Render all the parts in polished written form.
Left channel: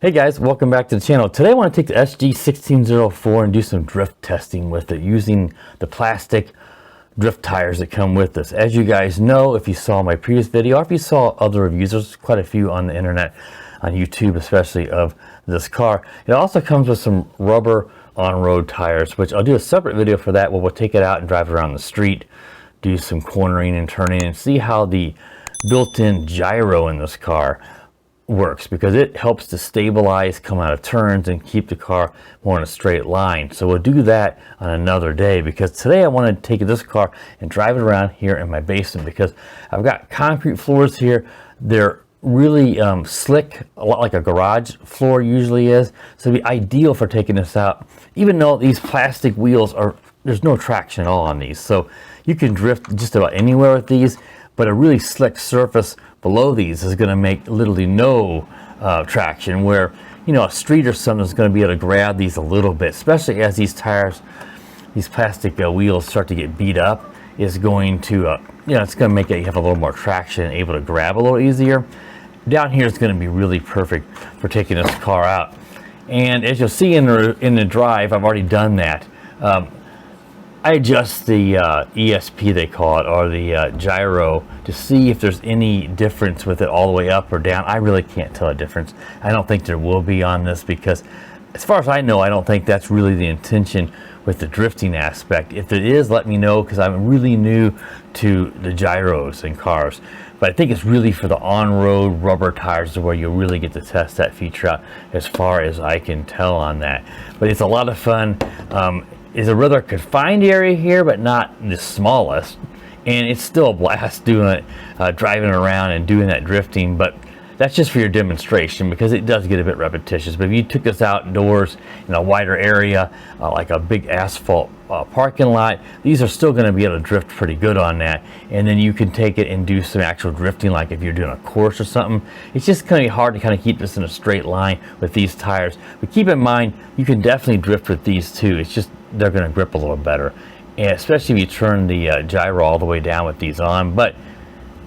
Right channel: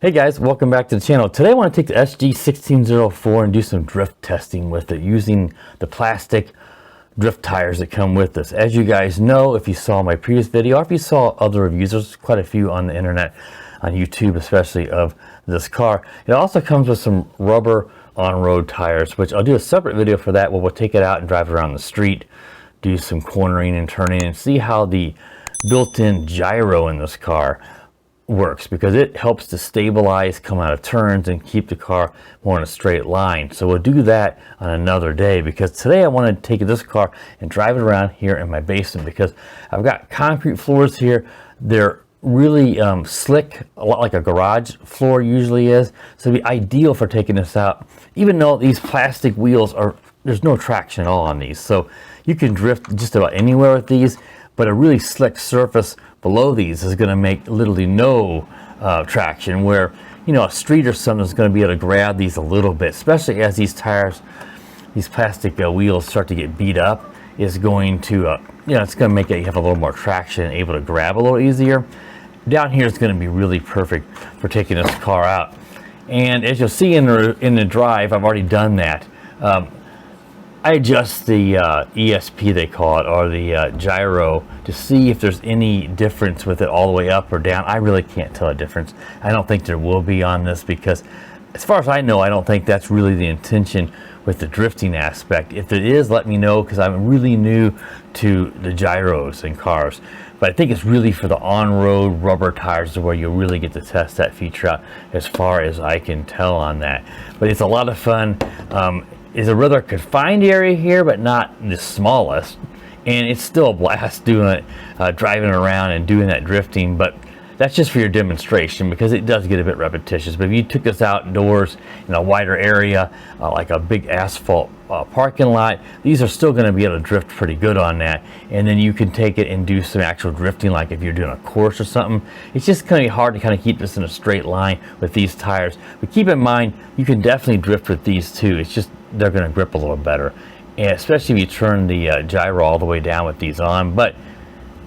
Hey guys, welcome back to the channel. Today I want to take the SG1604 and do some drift testing with it using the plastic drift tires that come with this. As you guys know, if you saw my previous video or if you saw other reviews, there's quite a few on the internet, on YouTube especially, of this car. It also comes with some rubber on-road tires, which I'll do a separate video for that where we'll take it out and drive it around the street, do some cornering and turning, and see how the built-in gyro in this car works, because it helps to stabilize, come out of turns, and keep the car more in a straight line. So we'll do that on another day, because today I want to take this car and drive it around here in my basement, because I've got concrete floors here. They're really slick, a lot like a garage floor usually is, so it'd be ideal for taking this out, even though these plastic wheels are, there's no traction at all on these, so you can drift just about anywhere with these. But a really slick surface below these is going to make literally no traction, where, you know, a street or something is going to be able to grab these a little bit, especially as these tires, these plastic wheels start to get beat up. Is going to, you know, it's going to make it have a little more traction and able to grab a little easier. Down here is going to be really perfect for taking this car out. And as you'll see in the drive, I've already done that. I adjust the ESP, they call it, or the gyro, to see if there's any difference with it all the way up or down. I really can't tell a difference. I don't think there will be on this, because as far as I know, I don't think that's really the intention with the drifting aspect. If it is, let me know, because I'm really new to the gyros in cars. But I think it's really for the on-road rubber tires where you really get to test that feature out, as far as I can tell on that. But it's a lot of fun. It's a rather confined area here, but not the smallest, and it's still a blast doing it, driving around and doing that drifting. But that's just for your demonstration, because it does get a bit repetitious. But if you took this outdoors in a wider area, like a big asphalt parking lot, these are still going to be able to drift pretty good on that. And then you can take it and do some actual drifting, like if you're doing a course or something. It's just going to be hard to kind of keep this in a straight line with these tires. But keep in mind, you can definitely drift with these too. It's just they're going to grip a little better, and especially if you turn the gyro all the way down with these on. But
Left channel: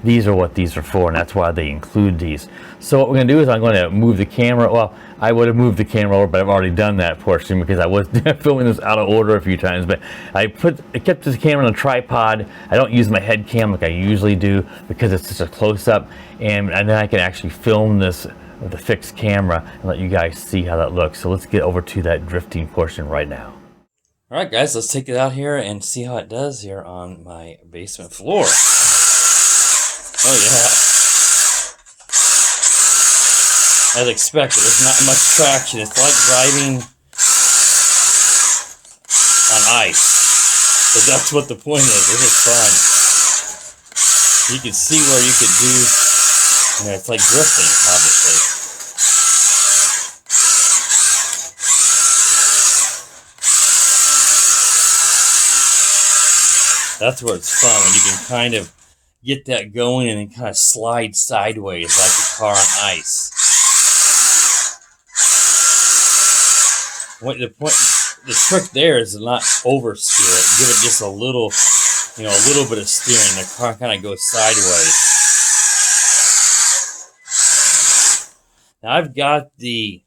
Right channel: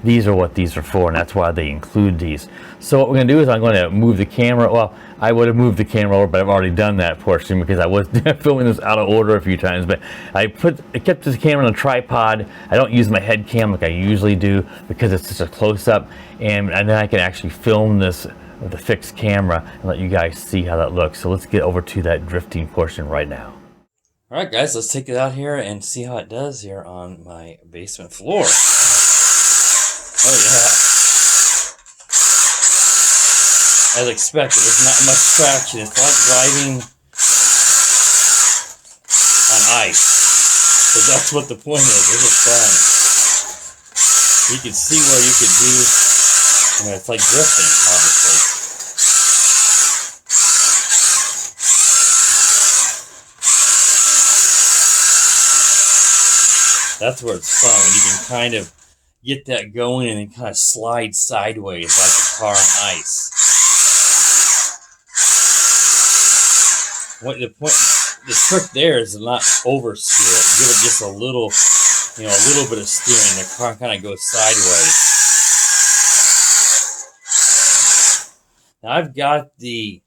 these are what these are for, and that's why they include these. So what we're going to do is I'm going to move the camera. Well, I would have moved the camera over, but I've already done that portion because I was filming this out of order a few times. But I kept this camera on a tripod. I don't use my head cam like I usually do, because it's such a close-up, and then I can actually film this with a fixed camera and let you guys see how that looks. So let's get over to that drifting portion right now. All right, guys, let's take it out here and see how it does here on my basement floor. Oh, yeah. As expected, there's not much traction. It's like driving on ice. But that's what the point is. This is fun. You can see where you could do, you know, it's like drifting, obviously. That's where it's fun, when you can kind of get that going and then kind of slide sideways like a car on ice. The trick there is to not oversteer it. Give it just a little, you know, a little bit of steering. The car kind of goes sideways. Now I've got the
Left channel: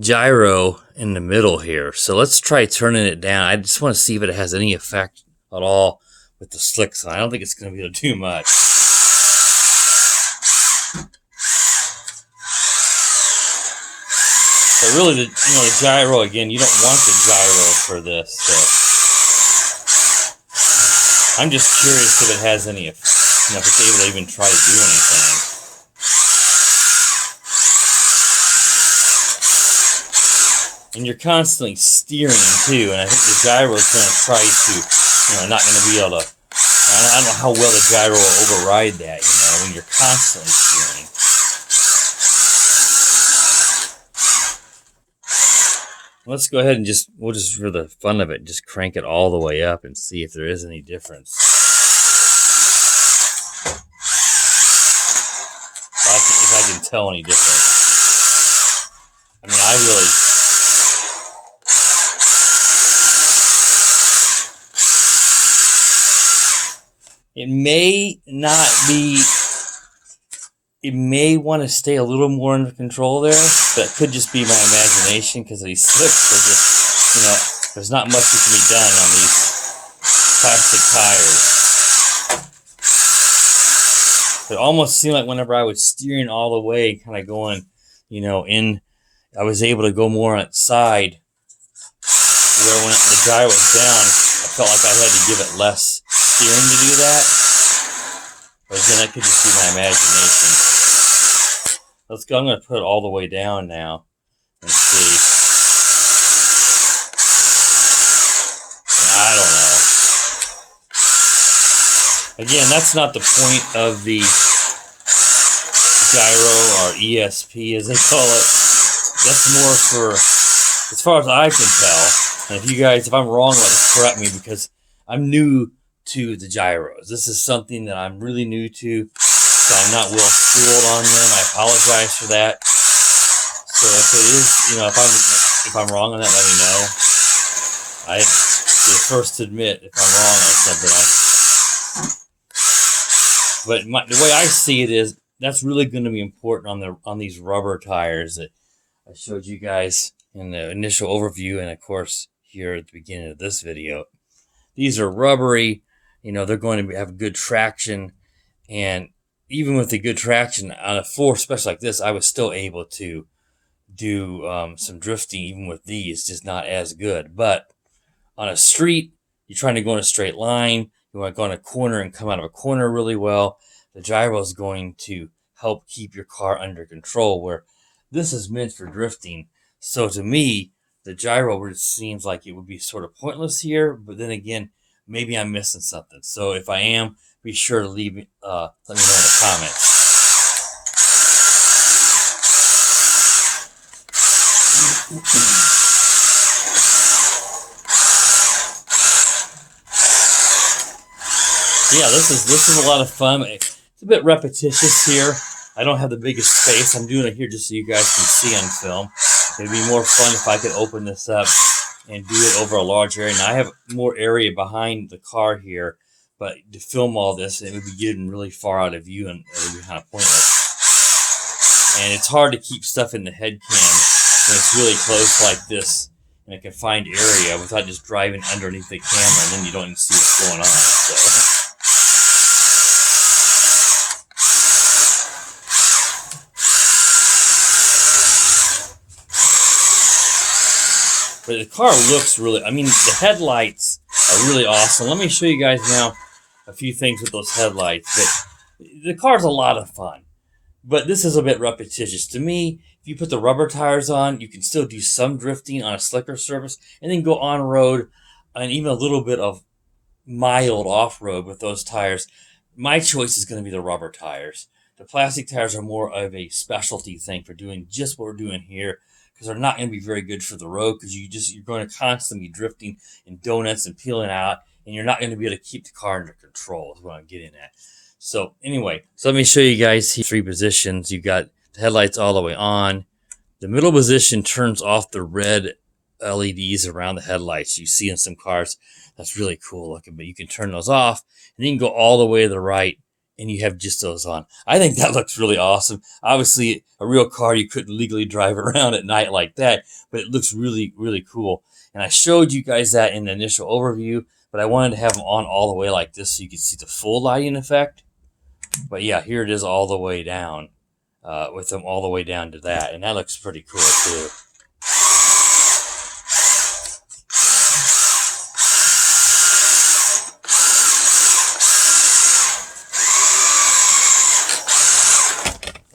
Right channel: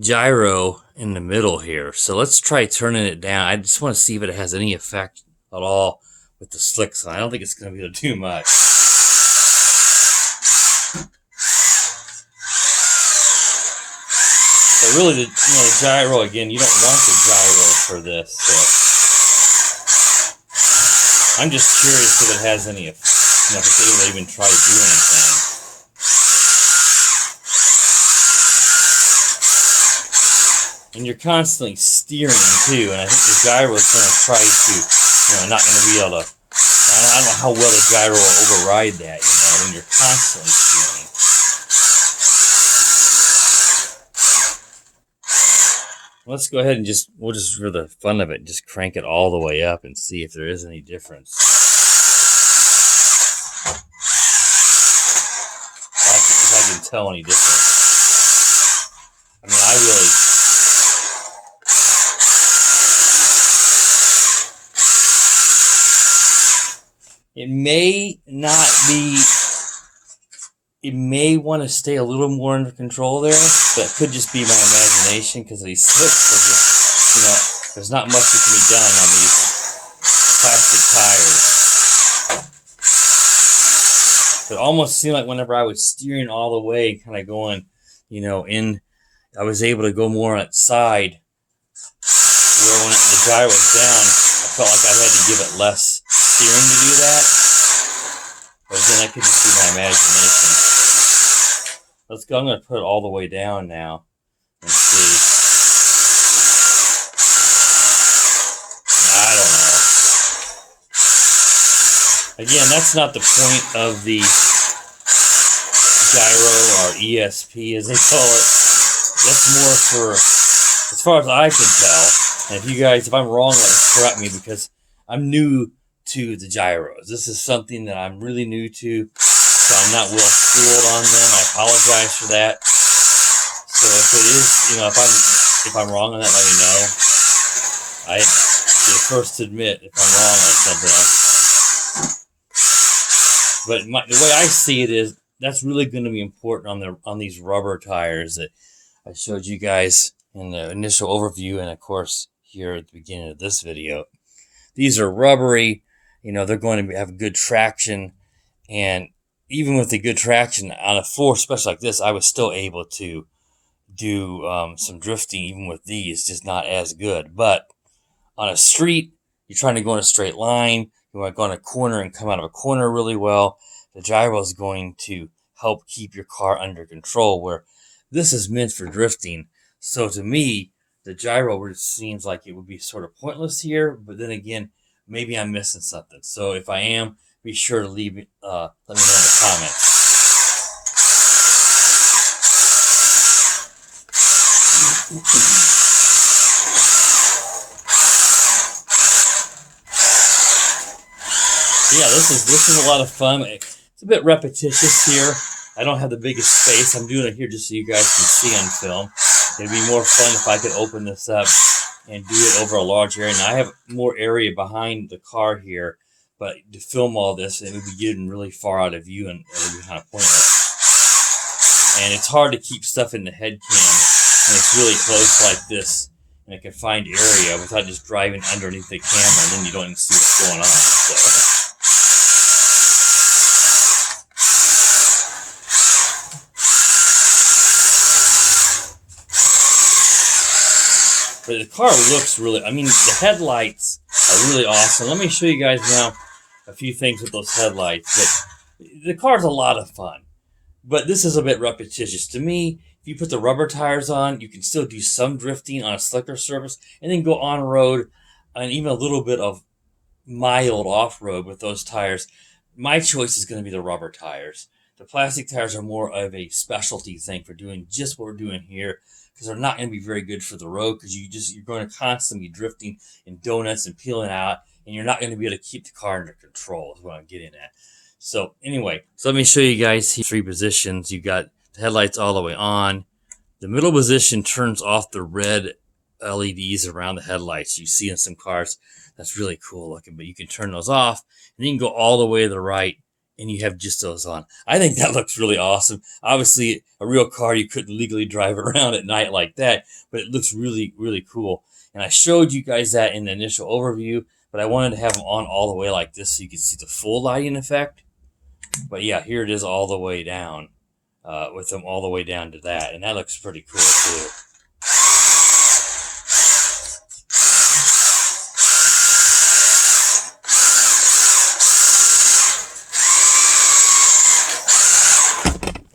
gyro in the middle here, so let's try turning it down. I just want to see if it has any effect at all with the slicks on. I don't think it's going to be able to do much. But really, the gyro, again, you don't want the gyro for this. So I'm just curious if it has any, you know, if it's able to even try to do anything. And you're constantly steering too, and I think the gyro is going to try to, you know, not going to be able to. I don't know how well the gyro will override that, you know, when you're constantly steering. Let's go ahead and we'll just, for the fun of it, just crank it all the way up and see if there is any difference. If I can tell any difference. I mean, I really... It may not be it may want to stay a little more under control there. That could just be my imagination because these slicks are just, there's not much that can be done on these plastic tires. It almost seemed like whenever I was steering all the way, kind of going, I was able to go more on its side, where when the gyro was down, I felt like I had to give it less steering to do that. But then that could just be my imagination. Let's go. I'm going to put it all the way down now and see. I don't know. Again, that's not the point of the gyro or ESP, as they call it. That's more for, as far as I can tell. And if you guys, if I'm wrong, correct me, because I'm new to the gyros. This is something that I'm really new to, so I'm not well schooled on them. I apologize for that. So if it is, if I'm wrong on that, let me know. I'd be the first to admit if I'm wrong on something. But the way I see it is, that's really going to be important on these rubber tires that I showed you guys in the initial overview, and of course here at the beginning of this video. These are rubbery. They're going to have good traction, and even with the good traction on a floor, especially like this, I was still able to do some drifting even with these, just not as good. But on a street, you're trying to go in a straight line, you want to go in a corner and come out of a corner really well, the gyro is going to help keep your car under control, where this is meant for drifting. So to me, the gyro seems like it would be sort of pointless here, but then again, maybe I'm missing something. So if I am, be sure to let me know in the comments. Yeah, this is a lot of fun. It's a bit repetitious here. I don't have the biggest space. I'm doing it here just so you guys can see on film. It'd be more fun if I could open this up and do it over a large area. Now I have more area behind the car here, but to film all this, it would be getting really far out of view and it would be kind of pointless. And it's hard to keep stuff in the head cam when it's really close like this in a confined area without just driving underneath the camera, and then you don't even see what's going on. So. But the car looks really, the headlights are really awesome. Let me show you guys now a few things with those headlights. The car's a lot of fun, but this is a bit repetitious. To me, if you put the rubber tires on, you can still do some drifting on a slicker surface and then go on-road and even a little bit of mild off-road with those tires. My choice is going to be the rubber tires. The plastic tires are more of a specialty thing for doing just what we're doing here, because they're not going to be very good for the road, because you're going to constantly be drifting in donuts and peeling out, and you're not going to be able to keep the car under control is what I'm getting at. So anyway, let me show you guys here 3 positions. You got the headlights all the way on. The middle position turns off the red LEDs around the headlights. You see in some cars, that's really cool looking, but you can turn those off, and you can go all the way to the right, and you have just those on. I think that looks really awesome. Obviously, a real car, you couldn't legally drive around at night like that, but it looks really, really cool. And I showed you guys that in the initial overview, but I wanted to have them on all the way like this so you could see the full lighting effect. But yeah, here it is all the way down, with them all the way down to that. And that looks pretty cool too.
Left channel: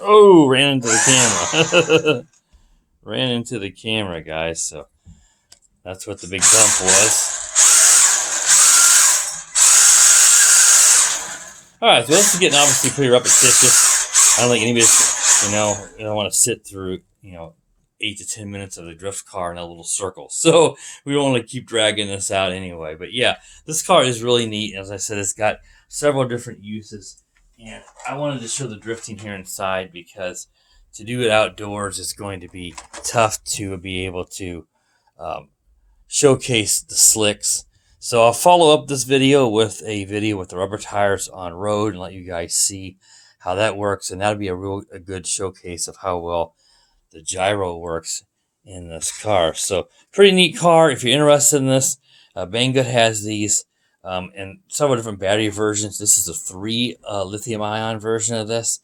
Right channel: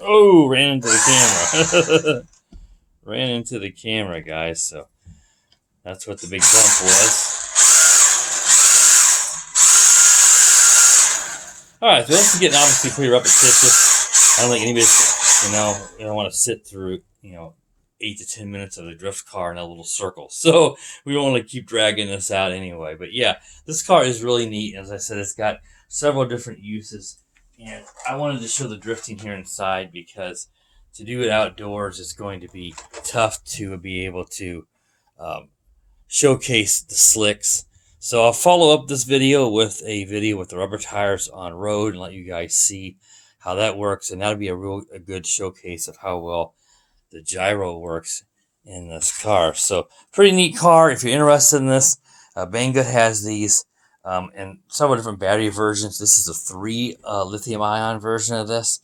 Oh, ran into the camera. Ran into the camera, guys. So that's what the big bump was. Alright, so this is getting obviously pretty repetitious. I don't think anybody, don't want to sit through, 8 to 10 minutes of a drift car in a little circle. So we don't want to keep dragging this out anyway. But yeah, this car is really neat. As I said, it's got several different uses. And I wanted to show the drifting here inside, because to do it outdoors is going to be tough to be able to showcase the slicks. So I'll follow up this video with a video with the rubber tires on road and let you guys see how that works, and that'll be a good showcase of how well the gyro works in this car. So pretty neat car. If you're interested in this, Banggood has these and several different battery versions. This is a 3 lithium ion version of this,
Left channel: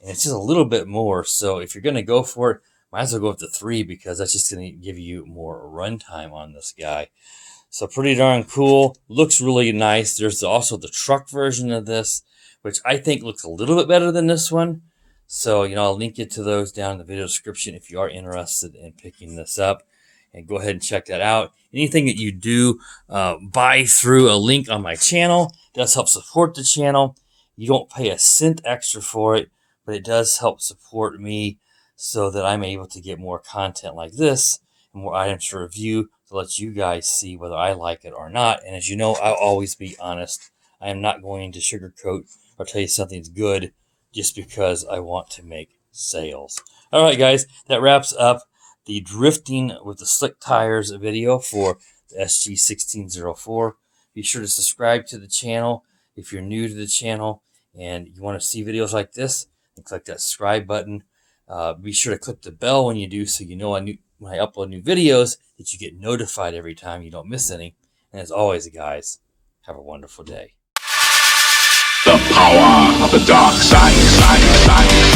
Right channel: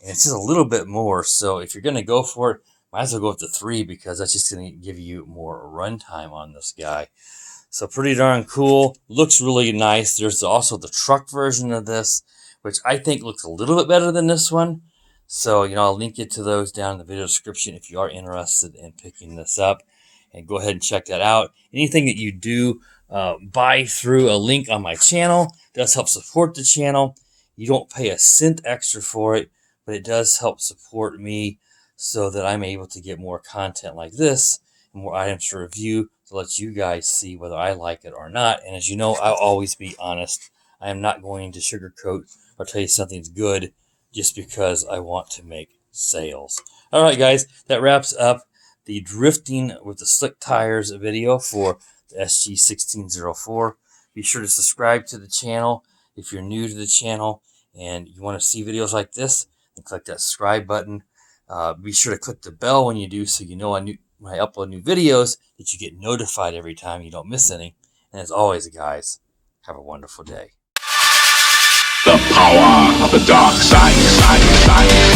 and it's just a little bit more. So if you're going to go for it, might as well go up to 3 because that's just going to give you more runtime on this guy. So pretty darn cool. Looks really nice. There's also the truck version of this, which I think looks a little bit better than this one. So, I'll link you to those down in the video description if you are interested in picking this up. And go ahead and check that out. Anything that you do buy through a link on my channel does help support the channel. You don't pay a cent extra for it, but it does help support me so that I'm able to get more content like this and more items to review to let you guys see whether I like it or not. And as you know, I'll always be honest. I am not going to sugarcoat or tell you something's good just because I want to make sales. All right, guys, that wraps up the drifting with the slick tires video for the SG1604. Be sure to subscribe to the channel if you're new to the channel and you want to see videos like this, and click that subscribe button. Be sure to click the bell when you do so you know when I upload new videos that you get notified every time you don't miss any. And as always, guys, have a wonderful day. The power of the dark side.